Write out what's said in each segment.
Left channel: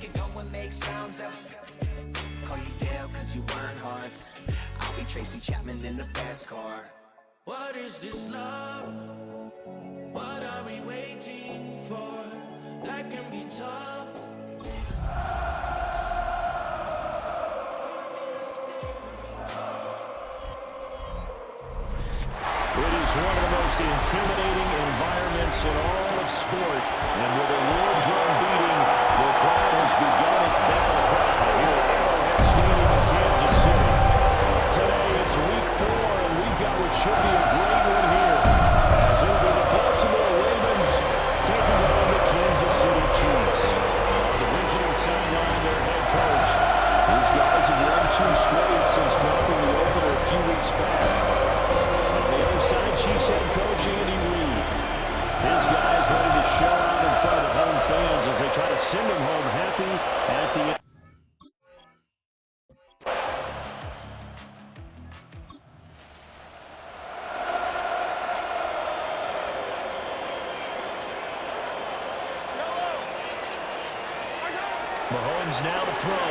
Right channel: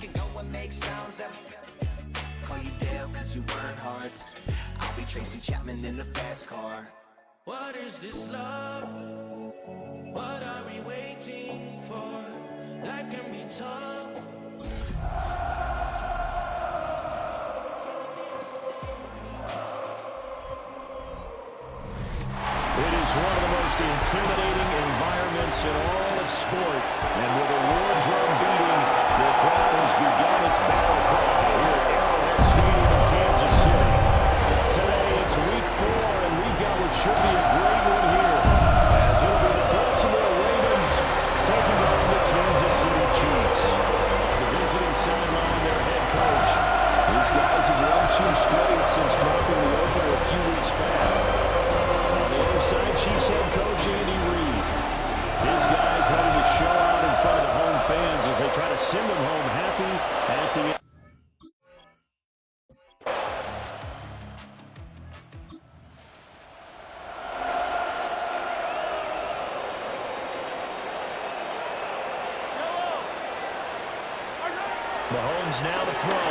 can go and make sounds that call you Dale cause you weren't hearts. I'll be Tracy Chapman in the fast car. What is this love? What are we waiting for? Life can be tough. It is one of the most intimidating environments in all of sport. And with a war drum beating, the crowd has begun its battle cry here at Arrowhead Stadium in Kansas City. Today it's week 4, and we've got what should be a great one here, as it'll be the Baltimore Ravens taking on the Kansas City Chiefs. On the visiting sideline, their head coach. These guys have won 2 straight since dropping the opener a few weeks back. On the other side, Chiefs head coach Andy Reid. His guys ready to show out in front of the home fans as they try to send them home happy at the end. Mahomes now to throw.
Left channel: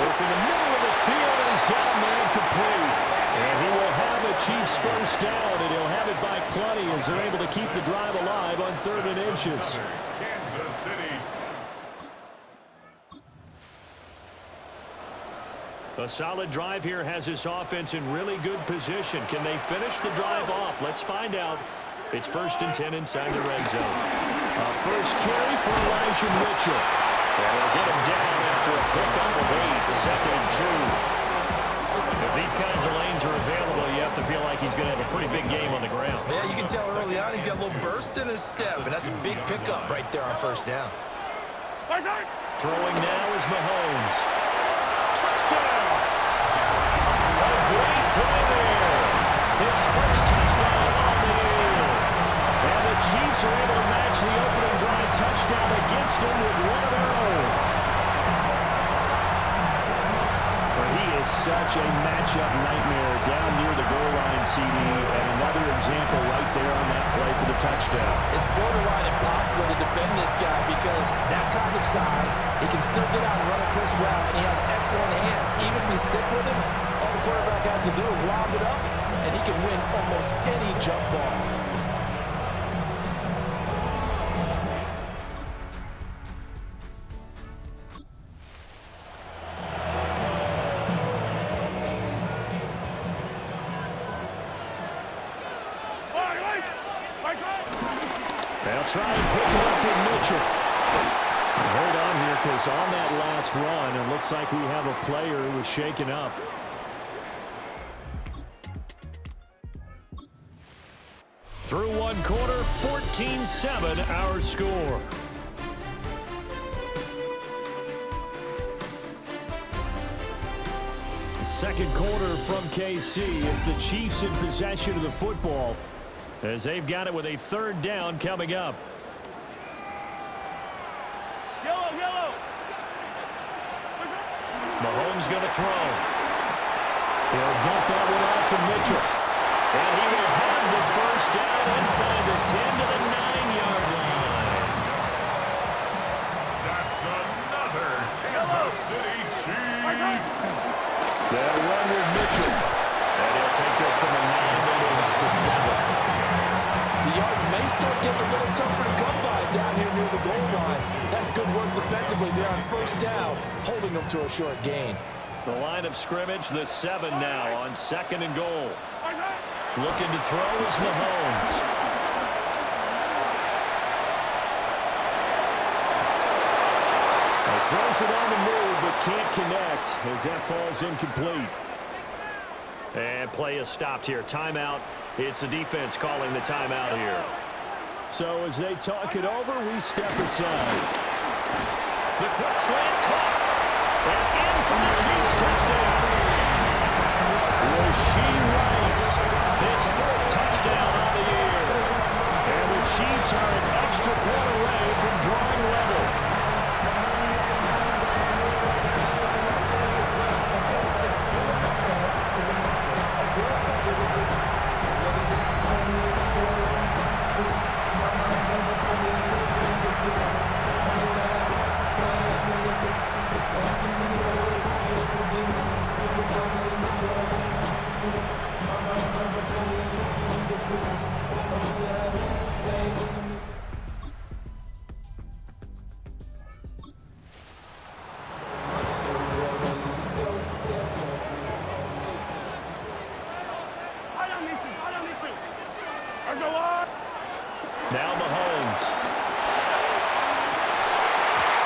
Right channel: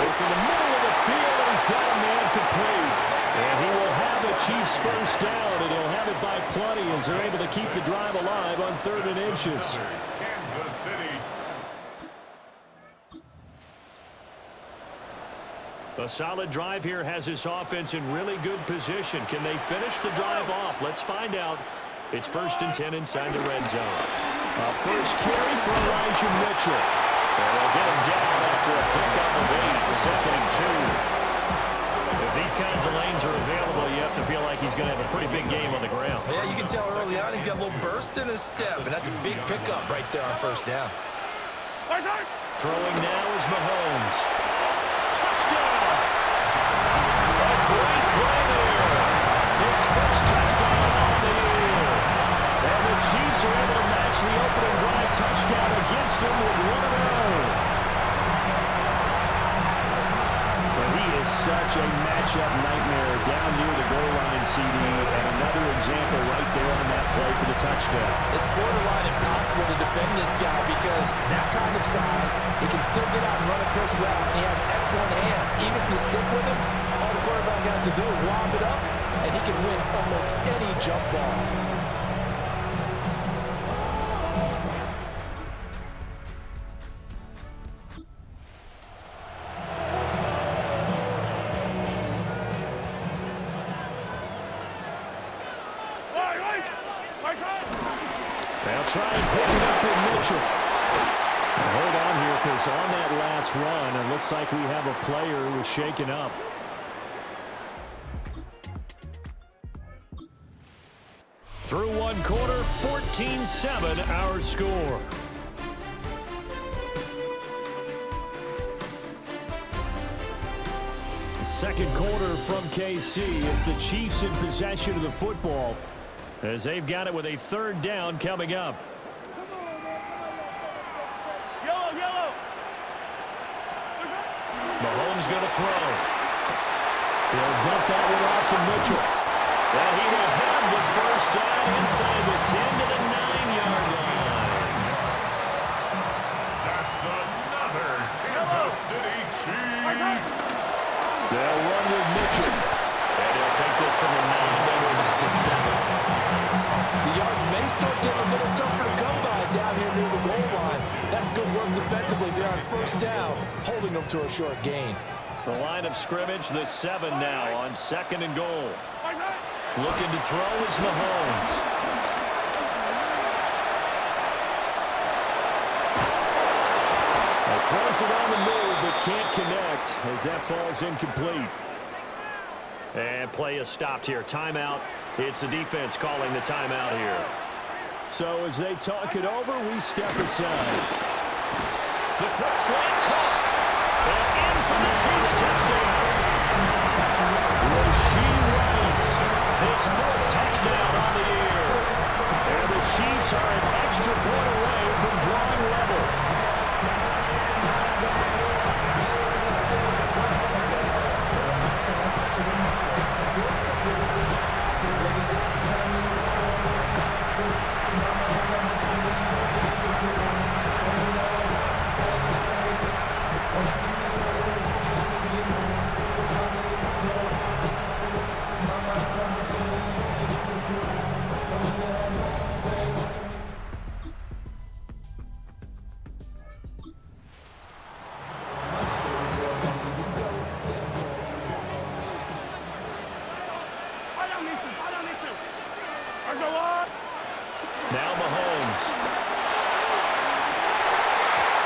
Work in the middle of the field, and he's got a man complete. And he will have a Chiefs first down, and he'll have it by plenty as they're able to keep the drive alive on 3rd and inches. Kansas City. A solid drive here has this offense in really good position. Can they finish the drive off? Let's find out. It's 1st and 10 inside the red zone. A first carry for Elijah Mitchell. And they'll get him down after a pickup of 8, 2nd and 2. If these kinds of lanes are available, you have to feel like he's going to have a pretty big game on the ground. Yeah, you can tell early on he's got a little burst in his step, and that's a big pickup right there on 1st down. Throwing now is Mahomes. Touchdown! A great play there. His first touchdown on the year. And the Chiefs are able to match the opening drive touchdown against him with one of their own. But he is such a matchup nightmare down near the goal line, CD, and another example right there on that play for the touchdown. It's borderline impossible to defend this guy because that kind of size, he can still get out and run a crisp route, and he has excellent hands. Even if you stick with him, all the quarterback has to do is lob it up, and he can win almost any jump ball. They'll try and pick it up with Mitchell. Hold on here, because on that last run, it looks like we have a player who was shaken up. Through one quarter, 14-7 our score. The second quarter from KC. It's the Chiefs in possession of the football, as they've got it with a 3rd down coming up. Yellow. Mahomes going to throw. He'll dump that one off to Mitchell. And he will have the first down inside the 10 to the 9-yard line. That's another Kansas City Chiefs. They'll run with Mitchell. And he'll take this from the 9 down to about the 7. The yards may start getting a little tougher to come by down here near the goal line. That's good work defensively there on 1st down, holding them to a short gain. The line of scrimmage, the 7 now on 2nd and goal. Looking to throw is Mahomes. He throws it on the move, but can't connect as that falls incomplete. And play is stopped here. Timeout. It's the defense calling the timeout here. So as they talk it over, we step aside. The quick slant caught. And in for the Chiefs touchdown. Rasheed Rice, his 4th touchdown on the year. And the Chiefs are an extra point away from drawing level.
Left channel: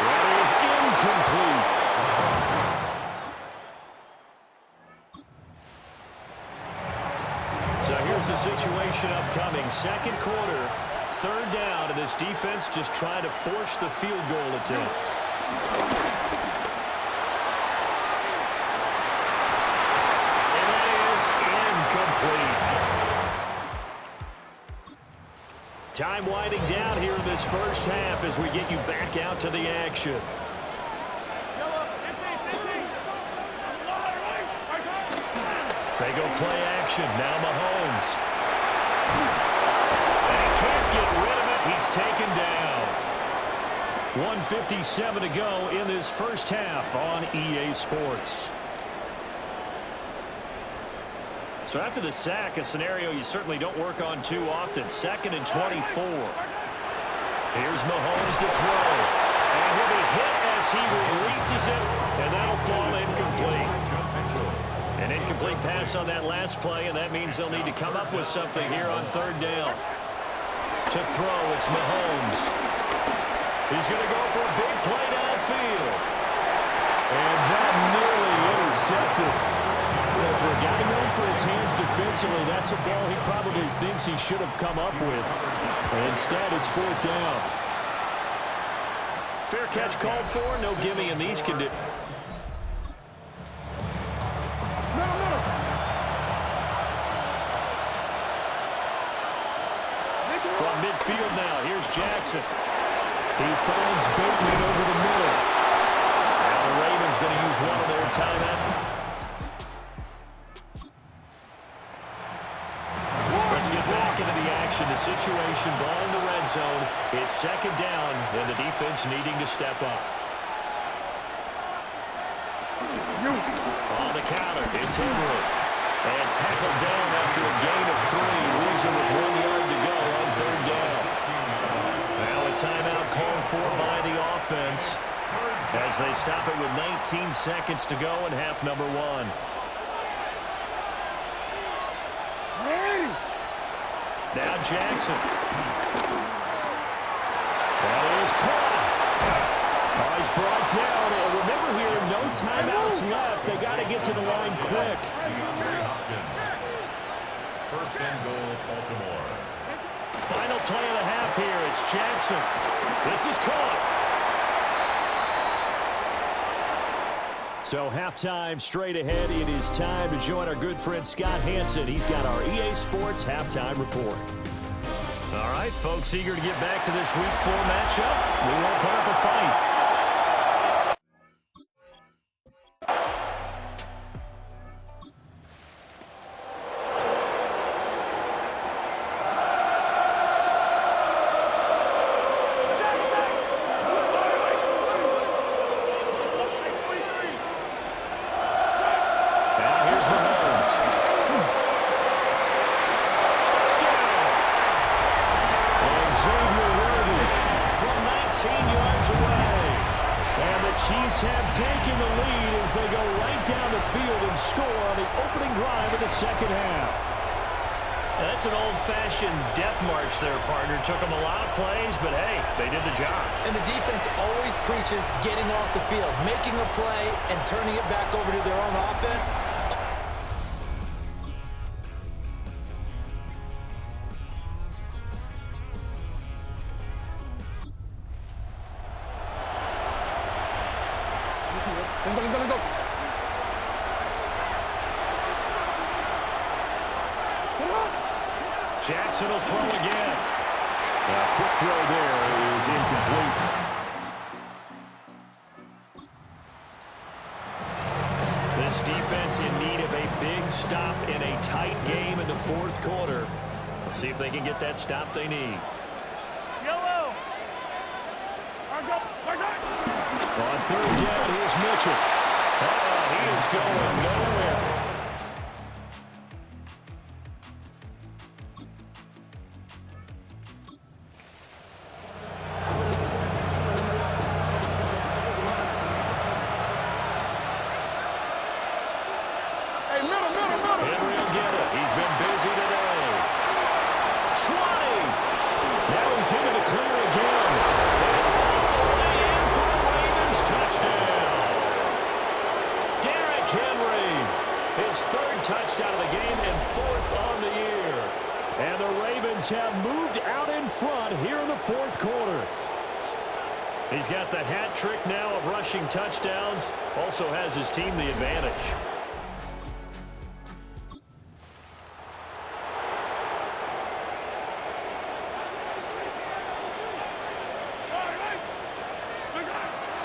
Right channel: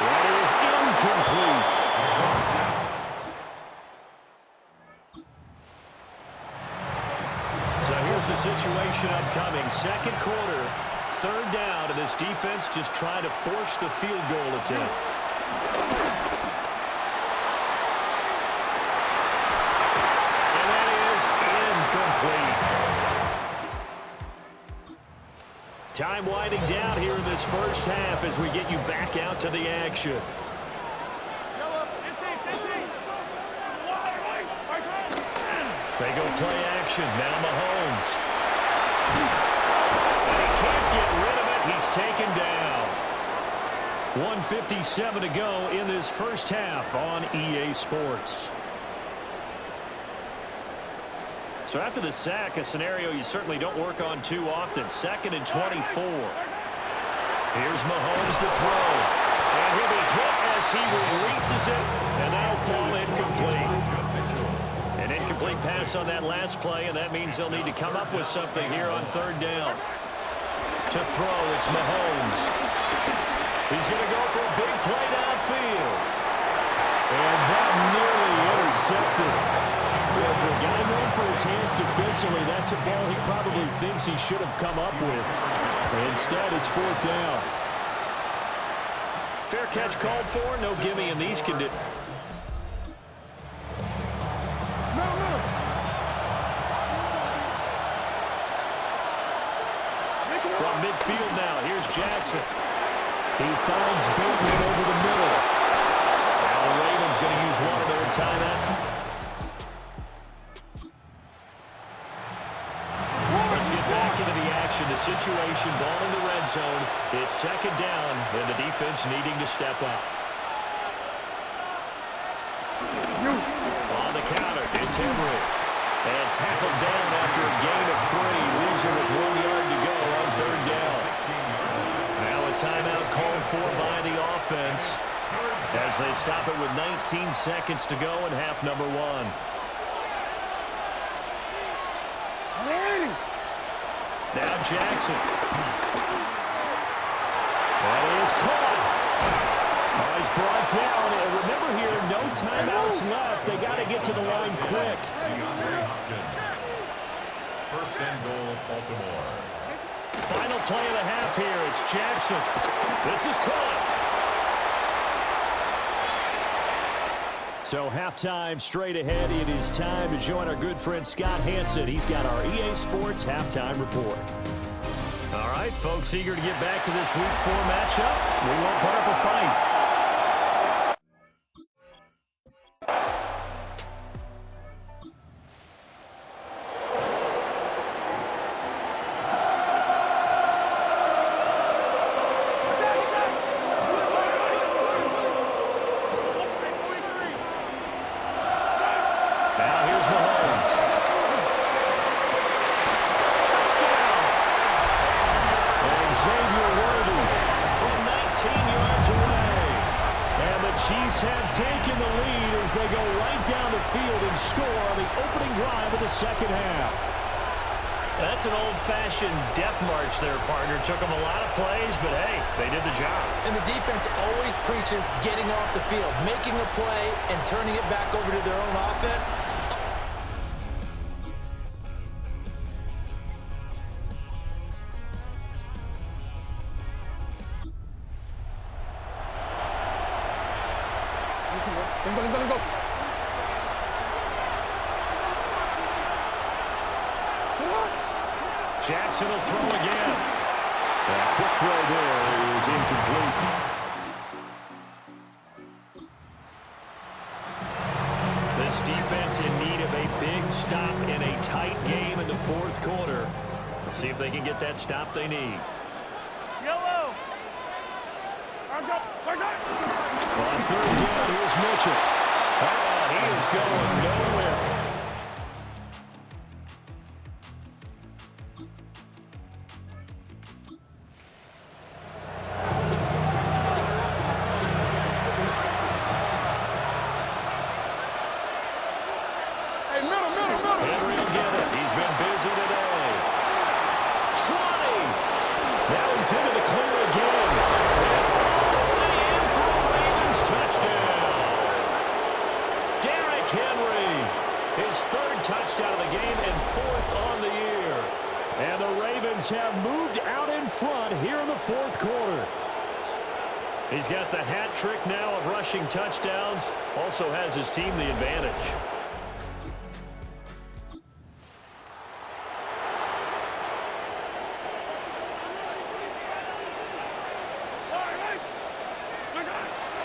That is incomplete. So here's the situation upcoming. Second quarter, third down, and this defense just trying to force the field goal attempt. And that is incomplete. Time winding down here in this first half as we get you back out to the action. They go play action. Now Mahomes. And he can't get rid of it. He's taken down. 1:57 to go in this first half on EA Sports. So after the sack, a scenario you certainly don't work on too often. 2nd and 24. Here's Mahomes to throw. And he'll be hit as he releases it, and that'll fall incomplete. An incomplete pass on that last play, and that means they'll need to come up with something here on third down. To throw, it's Mahomes. He's going to go for a big play downfield. And that nearly intercepted. Well, for a guy known for his hands defensively, that's a ball he probably thinks he should have come up with. Instead, it's fourth down. Fair catch called for. No gimme in these conditions. From midfield now, here's Jackson. He finds Bateman over the middle. Now the Ravens going to use one of their timeout. Let's get back into the action. The situation, ball in the red zone. It's second down, and the defense needing to step up. On the counter, it's Henry. And tackled down after a gain of 3. Leaves him with 1 yard to go on third down. Now a timeout called for by the offense as they stop it with 19 seconds to go in half number 1. Now Jackson. That is caught. Oh, he's brought down. And remember here, no timeouts left. They got to get to the line quick. First and goal, Baltimore. Final play of the half here. It's Jackson. This is caught. So halftime straight ahead. It is time to join our good friend Scott Hansen. He's got our EA Sports halftime report. All right, folks, eager to get back to this Week 4 matchup. We won't put up a fight. Chiefs have taken the lead as they go right down the field and score on the opening drive of the second half. That's an old-fashioned death march there, partner. Took them a lot of plays, but hey, they did the job. And the defense always preaches getting off the field, making a play, and turning it back over to their own offense. Go. Jackson will throw again. A quick throw there is incomplete. This defense in need of a big stop in a tight game in the fourth quarter. Let's see if they can get that stop they need. Yellow. On third down, here's Mitchell. He is going nowhere. Hey, middle. Henry will get it. He's been busy today. 20. Now he's into the clear again. And all the way in for a his third touchdown of the game and fourth on the year. And the Ravens have moved out in front here in the fourth quarter. He's got the hat trick now of rushing touchdowns. Also has his team the advantage.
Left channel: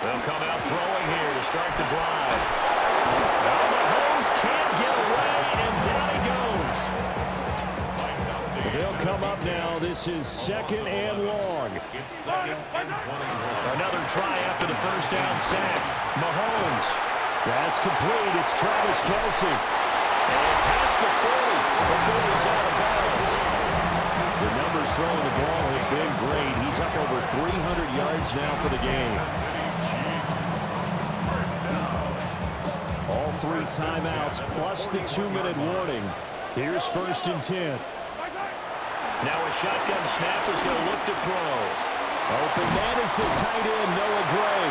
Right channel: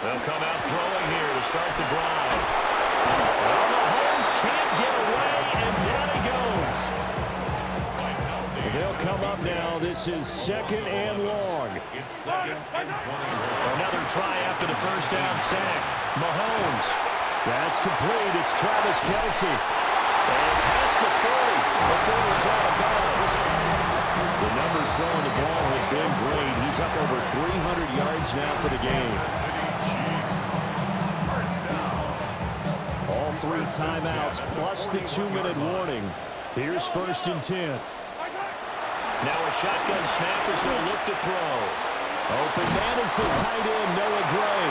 They'll come out throwing here to start the drive. Well, Mahomes can't get away, and down he goes. They'll come up now. This is 2nd and long. It's 2nd and 21. Another try after the first down sack. Mahomes. That's complete. It's Travis Kelce. And past the 40 before he's out of bounds. The numbers throwing the ball have been great. He's up over 300 yards now for the game. All 3 timeouts plus the 2-minute warning. Here's 1st and 10. Now a shotgun snap as they'll look to throw. Open man is the tight end, Noah Gray.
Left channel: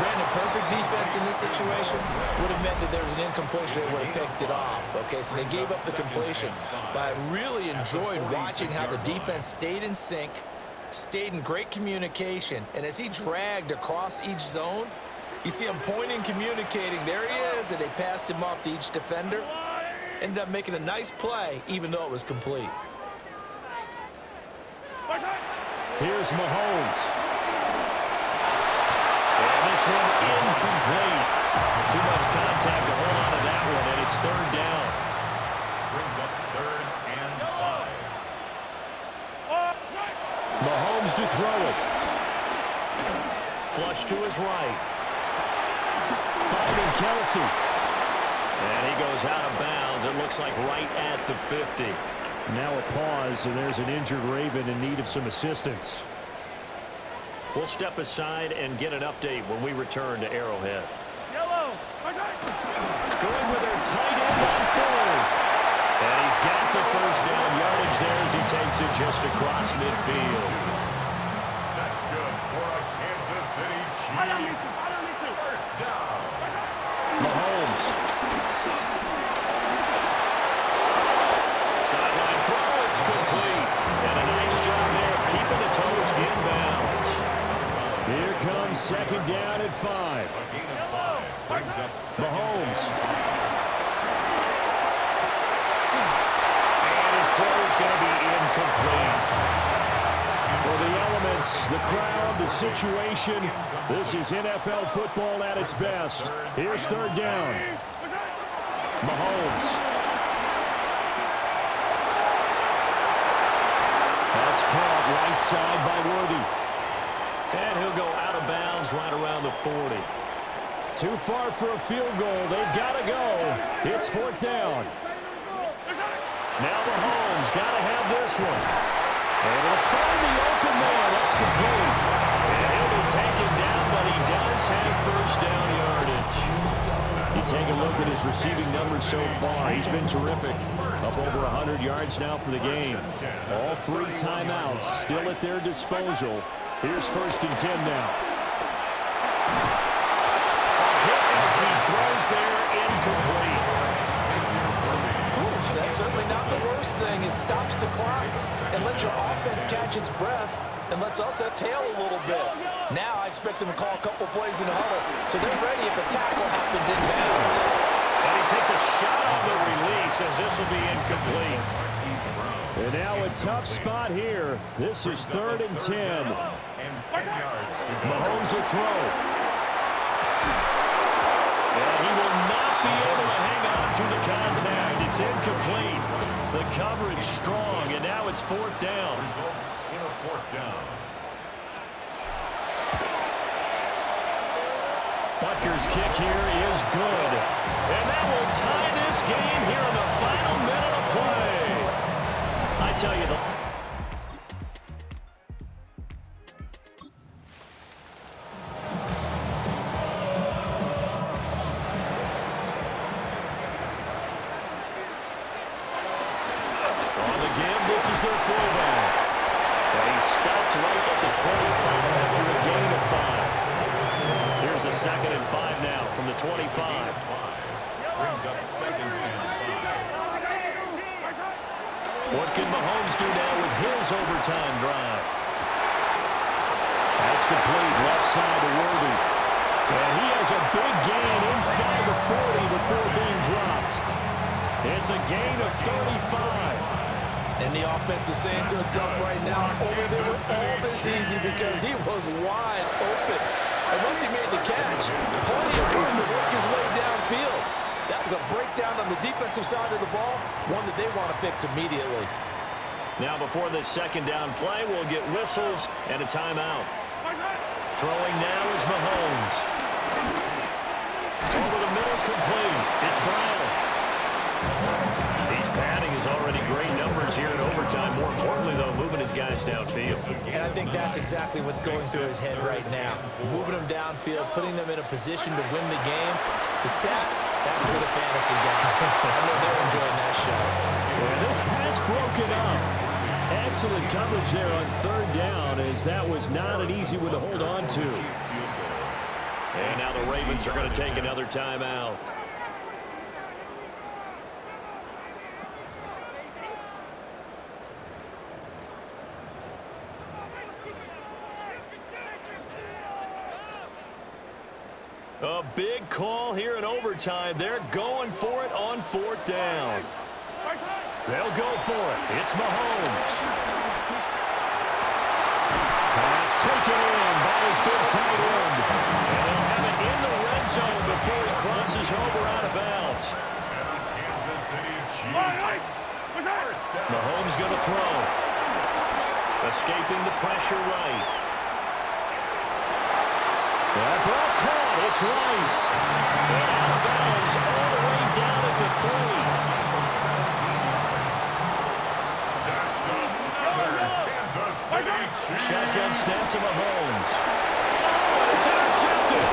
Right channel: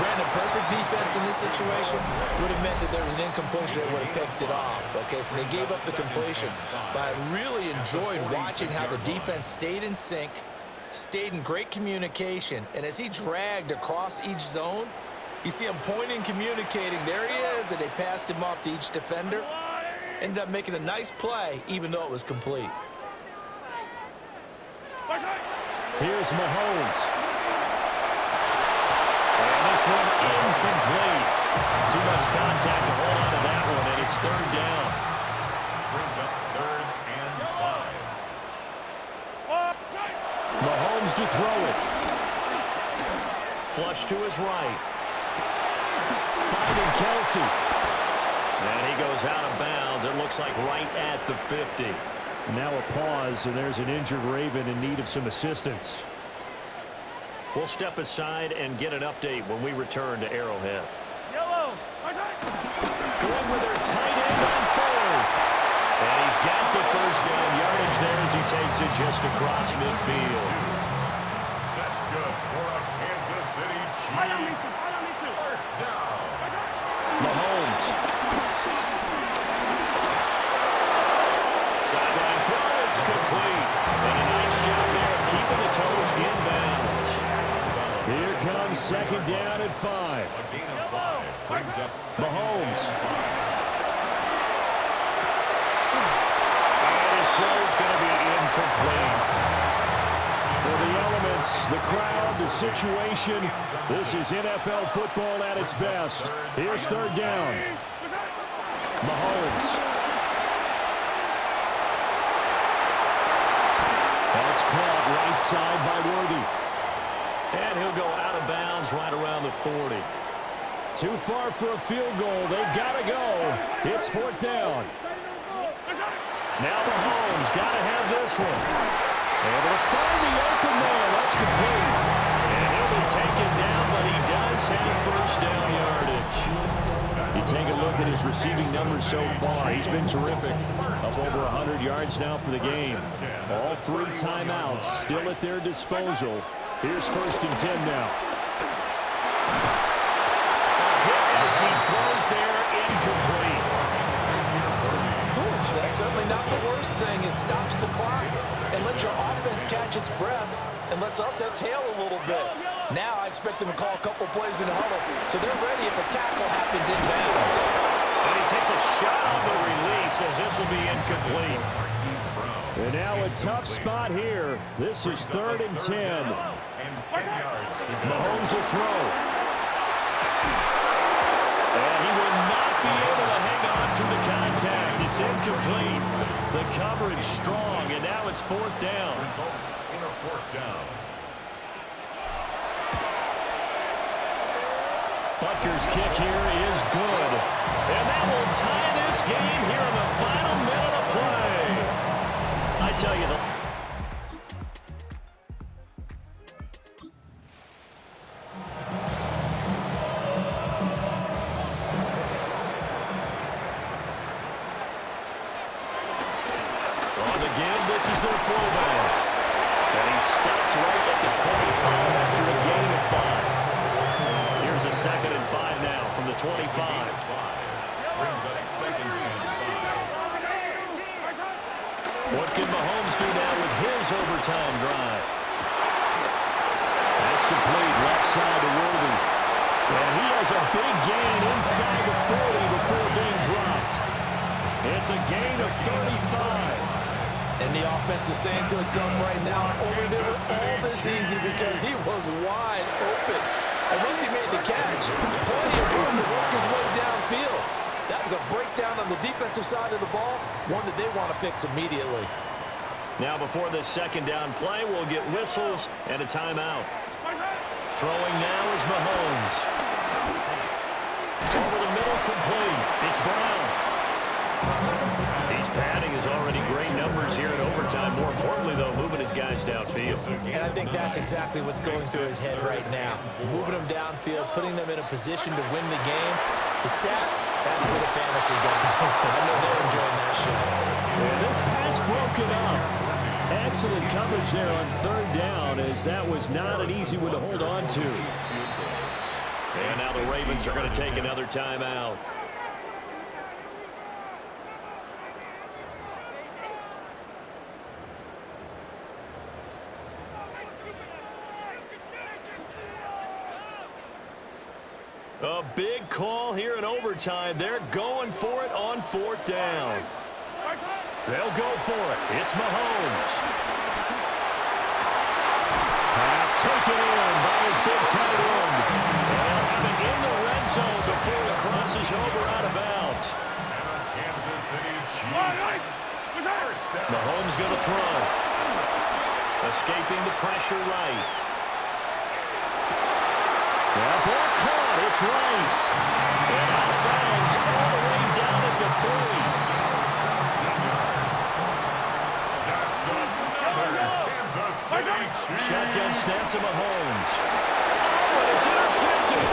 Brandon, perfect defense in this situation would have meant that there was an incompletion. They would have picked it off. Okay, so they gave up the completion. But I really enjoyed watching how the defense stayed in sync, stayed in great communication, and as he dragged across each zone, you see him pointing, communicating. There he is, and they passed him off to each defender. Ended up making a nice play, even though it was complete. Here's Mahomes. And this one incomplete. Too much contact to hold on to that one, and it's 3rd down. Brings up 3rd and 5. Mahomes to throw it. Flush to his right. Finding Kelce. And he goes out of bounds. It looks like right at the 50. Now a pause, and there's an injured Raven in need of some assistance. We'll step aside and get an update when we return to Arrowhead. Yellow. Going with their tight end on 4th. And he's got the first down yardage there as he takes it just across midfield. That's good for a Kansas City Chiefs. First down. Mahomes. Sideline throw, it's complete. And a nice job there of keeping the toes inbounds. Here comes 2nd down at 5. A gain of 5 brings up Mahomes. And his throw's going to be incomplete. For the elements, the crowd, the situation, this is NFL football at its best. Here's 3rd down. Mahomes. That's caught right side by Worthy. And he'll go out of bounds right around the 40. Too far for a field goal. They've got to go. It's 4th down. Now Mahomes got to have this one. Able to find the open man. That's complete. And he'll be taken down, but he does have first down yardage. You take a look at his receiving numbers so far. He's been terrific. Up over 100 yards now for the game. All 3 timeouts still at their disposal. Here's 1st and 10 now. A hit as he throws there, incomplete. That's certainly not the worst thing. It stops the clock and lets your offense catch its breath and lets us exhale a little bit. Now I expect them to call a couple plays in the huddle so they're ready if a tackle happens inbounds. And he takes a shot on the release as this will be incomplete. And now a tough spot here. This is 3rd and 10. Mahomes will throw. And he will not be able to hang on to the contact. It's incomplete. The coverage strong, and now it's 4th down. Results in a 4th down. Butker's kick here is good. And that will tie this game here in the final minute of play. I tell you, on the give, this is their fullback. And he's stopped right at the 25 after a gain of 5. Here's a 2nd and 5 now from the 25. brings up 2nd and 5. What can Mahomes do now with his overtime drive? That's complete, left side to Worthy. And he has a big gain inside the 40 before being dropped. It's a gain of 35. And the offense is saying to itself right now, over there was all this easy because he was wide open. And once he made the catch, plenty of room to work his way downfield. That was a breakdown on the defensive side of the ball, one that they want to fix immediately. Now before this 2nd down play, we'll get whistles and a timeout. Throwing now is Mahomes. Over the middle, complete. It's Brown. He's padding his already great numbers here in overtime. More importantly, though, moving his guys downfield. And I think that's exactly what's going through his head right now. Moving them downfield, putting them in a position to win the game. The stats, that's for the fantasy guys. I know they're enjoying that show. And this pass broken up. Excellent coverage there on 3rd down, as that was not an easy one to hold on to. And now the Ravens are going to take another timeout. A big call here in overtime. They're going for it on 4th down. They'll go for it. It's Mahomes. Pass taken in by his big tight end. And he'll have it in the red zone before he crosses over out of bounds. And on Kansas City Chiefs. Mahomes going to throw. Escaping the pressure right. That ball caught. It's Rice. And out of bounds all the way down at the 3. Shotgun snap to Mahomes. Oh, and it's intercepted.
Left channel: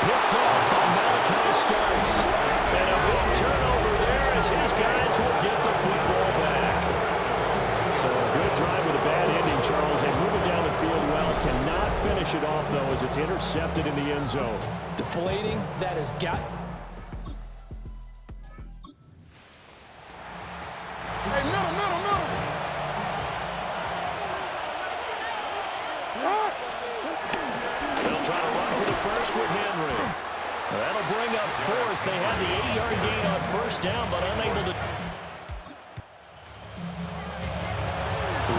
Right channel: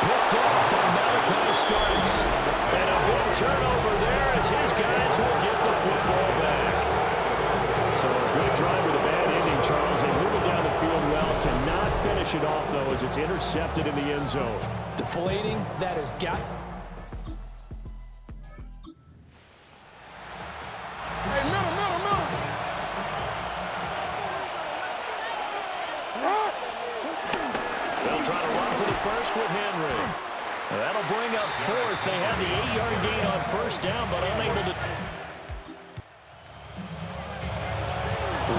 Picked off by Malachi Starks. And a big turnover there as his guys will get the football back. So a good drive with a bad ending, Charles. They move it down the field well. Cannot finish it off, though, as it's intercepted in the end zone. Deflating, that has got... Hey, middle. They'll try to run for the first with Henry. That'll bring up 4th. They had the 8-yard gain on 1st down, but unable to...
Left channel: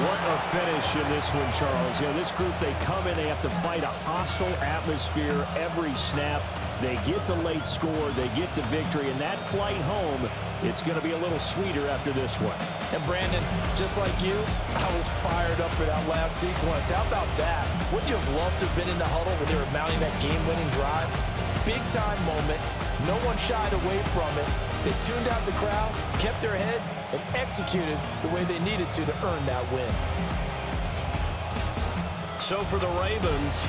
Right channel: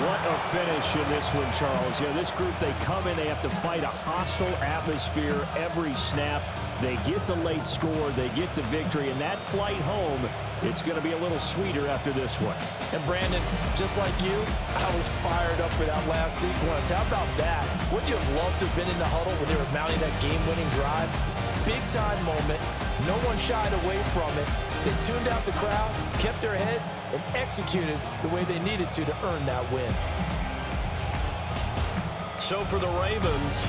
What a finish in this one, Charles. You know, this group, they come in, they have to fight a hostile atmosphere every snap. They get the late score, they get the victory, and that flight home, it's going to be a little sweeter after this one. And Brandon, just like you, I was fired up for that last sequence. How about that? Wouldn't you have loved to have been in the huddle when they were mounting that game-winning drive? Big-time moment. No one shied away from it. They tuned out the crowd, kept their heads, and executed the way they needed to earn that win. So for the Ravens,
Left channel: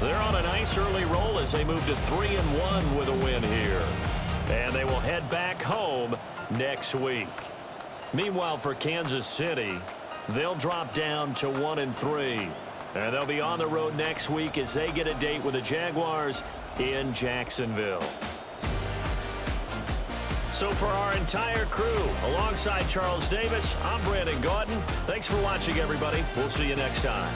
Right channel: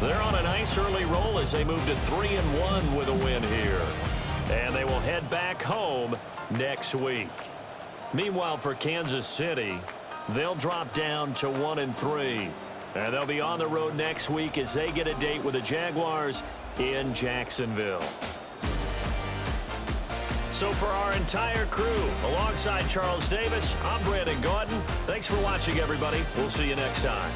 they're on a nice early roll as they move to 3-1 with a win here. And they will head back home next week. Meanwhile, for Kansas City, they'll drop down to 1-3. And they'll be on the road next week as they get a date with the Jaguars in Jacksonville. So for our entire crew, alongside Charles Davis, I'm Brandon Gaudin. Thanks for watching, everybody. We'll see you next time.